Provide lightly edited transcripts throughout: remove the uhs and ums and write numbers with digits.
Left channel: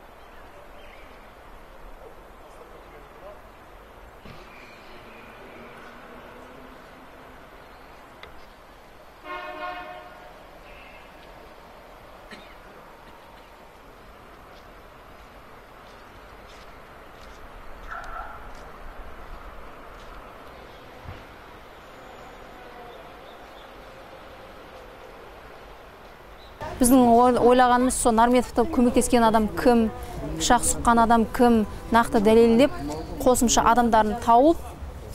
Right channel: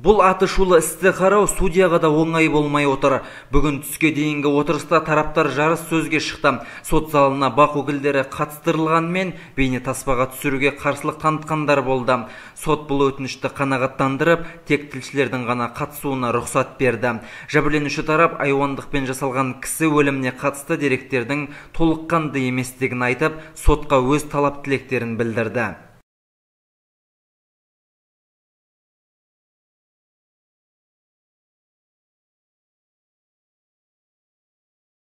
Бұл атышулы істі қарау судьяға да оңай болмай отыр. Бүгін түске дейінгі отырыста тараптар жарыс сөзге шықты. Сот залына бақ өкілдері қатыстырылғанмен бейне таспаға түсіруге қарсылық танытқандар болды. Сот бұл өтінішті қанағаттандырып, тек тілшілердің ғана қатысуына рұқсат берді. Жәбірленуші тарап айуандықпен жасалған кісі өліміне қатысты деректердің толыққанды еместігін айтып, сотқа өз талап тілектерін білдірді. Біздің ойлағанымыз сол Нарметовті көмектескен адам кім, пышақ сұққан адам кім, нақты дәлелдеп, қосымша адамдарын тауып,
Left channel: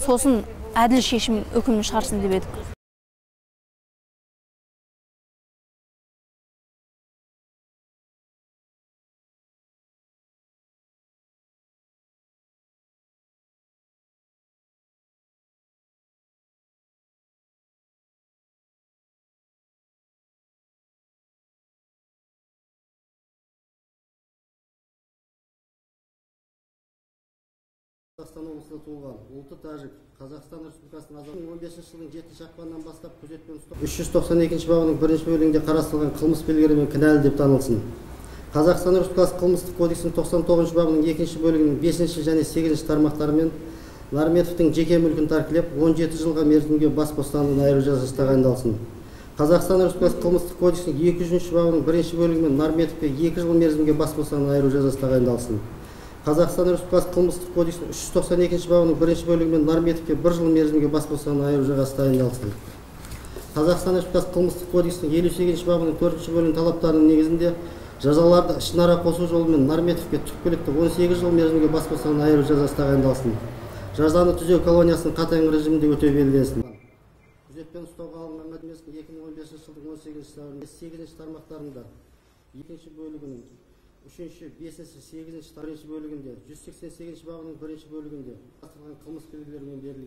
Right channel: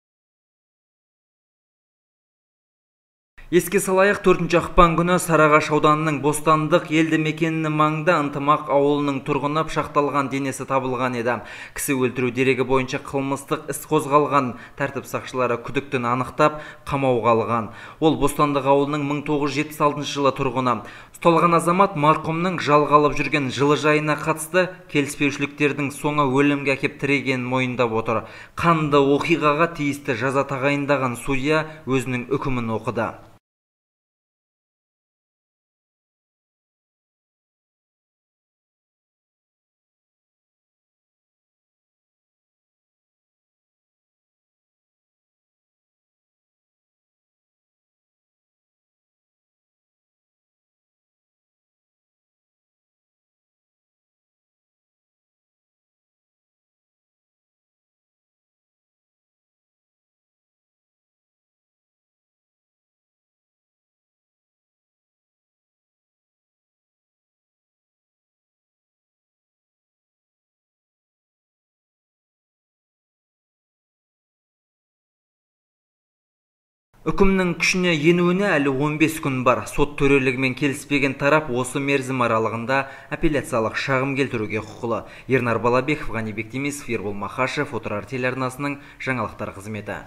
сосын әділ шешім үкімін шығарсын деп едік. Еске салайық, 4 ақпан күні Сарыағаш ауданының Бостандық елді мекенінің маңында Ынтымақ ауылының тұрғыны пышақталған денесі табылған еді. Кісі өлтіру дерегі бойынша қылмыстық іс қозғалған. Тәртіп сақшылары күдіктіні анықтап, қамауға алған. Ол Бостандық ауылының 1976 жылы тұрғыны. Ұсталған азамат марқұмның жалға алып жүрген жылыжайына қатысты келіспеушіліктердің соңы өлімге әкеп тірегенін мойындап отыр. Қанды оқиғаға тиісті жаза тағайындаған судья өзінің үкімін оқыды. 392 бабының 1 бөлігінде қарастырылған қылмыс белгілерімен кінәлі деп танылсын. Қазақстан Республикасы қылмыстық кодексінің 99 бабының 2 бөлігінің 5 және 8 тармақтарымен Нарметовтың жеке мүлкін тәркілеп 17 жылға мерзімге бас бостандығынан айыру жазасы тағайындалсын. Қазақстан Республикасы қылмыстық кодексінің 200 бабының 1 бөлігімен Нарметовке 2 жыл мерзімге бас бостандығынан айыру жазасы тағайындалсын. Қазақстан Республикасы қылмыстық кодексінің 392 бабының 1 бөлігімен Нарметовке 1 жыл мерзімге бас бостандығынан айыру жазасы тағайындалсын. Қазақстан Республикасы қылмыстық кодексінің 58 бабының 4 бөлігінің талаптарының негізінде жазаларды ішінара қосу жолымен Нарметовке түпкілікті 18 жыл мерзімге бас бостандығынан айыру жазасы тағайындалсын. Жазаны түзеу колониясының қатаң режимінде өтеу белгіленсін. Үкімнің күшіне енуіне әлі 15 күн бар. Сот төрелігімен келіспеген тарап осы мерзім аралығында апелляциялық шағым келтіруге құқылы. Ернар Балабеков, Ғани Бектемесов, Ербол Махашев, Отырар телеарнасының жаңалықтар қызметі.